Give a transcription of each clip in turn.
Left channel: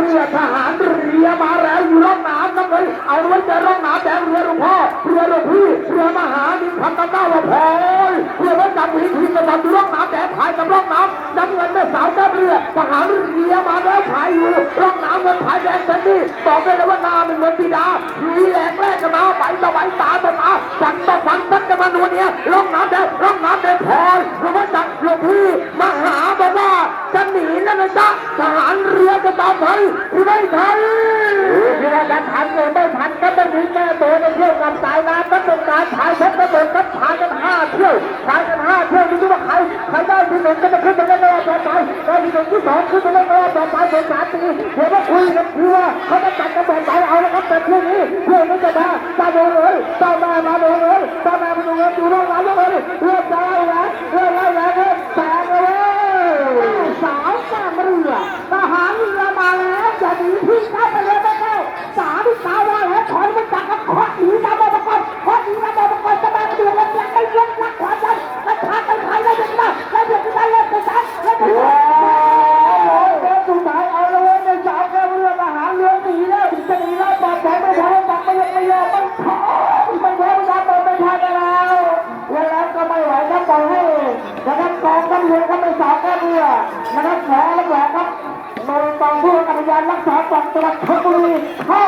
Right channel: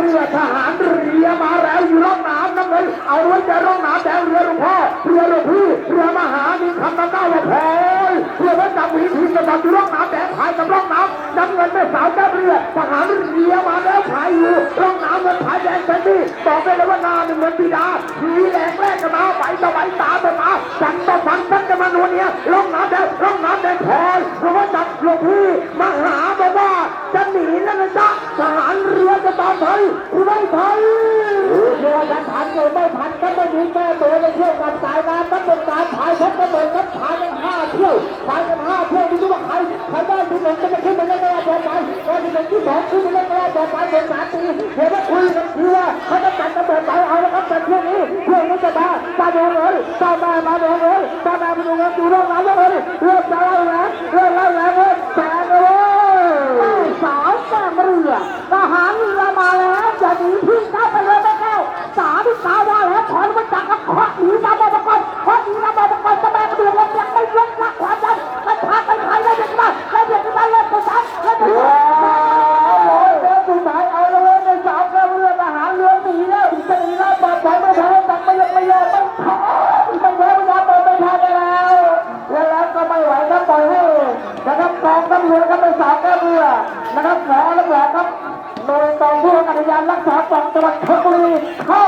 เรือทหารเรือมาแล้วอยู่ร่องน้ำน้ำเลยเอาไว้แต่ร่องน้ำแต่เรือหลวงพ่อเรือหลวงพี่เรือมหาดิคำตะก้าวพอยเรือวัดจับหินทีมกังอยู่ร่องน้ำแต่พายกับร่องน้ำน้ำเงินแม่สาวแม่เรือทหารเรือมาแล้วพายอยู่ร่องน้ำเงินพายแดงเป็นนี่บอกได้เลยว่านาเป็นเหมือนปีดาผีแรงแรกกันมาไปสบายตาบนมาสันต่อสันสันกันมาโนูเนี่ยร่องน้ำแต่ร่องน้ำแต่พอยเรือวัดจับหลวงพี่มา หนีนั่นนะทหารเรือจะตามทันหรือไม่ทันเรือกันทันเลยไม่ทันก็ไม่มีแก้ตัวในเที่ยวกับสายน้ำก็เป็นการถ่ายเพชรกระโดดก็ถ่ายกันห้าเที่ยวถ่ายกันห้าเที่ยวไม่รู้ว่าใครใครได้ที่หนึ่งก็จะขึ้นมาได้ต่อไปได้ที่หนึ่งที่สองขึ้นมาได้ต่อไปเป็นสามปีเห็นว่าคุยกันทีว่าเขาจะจัดกระโดดไปเอาแล้วครับแต่เที่ยวนี้เที่ยวนี้จะมาตาโดนเลยตาแม่มาโดนเลยตาแม่มาโดนเลยตีว่าไงเลยเรื่องจะไกองตำรวจก็ไม่สาวแก้วเรือนะครับหมอและแหวนครับโดยตองผู้กำกับกานรักษาฝั่งจังหวัดชลบุรีเข้า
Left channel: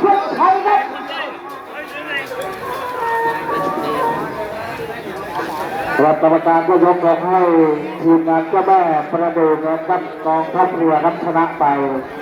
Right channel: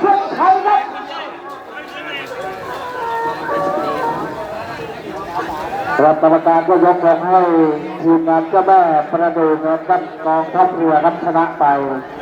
ช่วยไทยครับครับกรรมการก็ยกลงให้ทีมงานเจ้าแม่ประดูนะครับกองทัพเรือรับชนะไป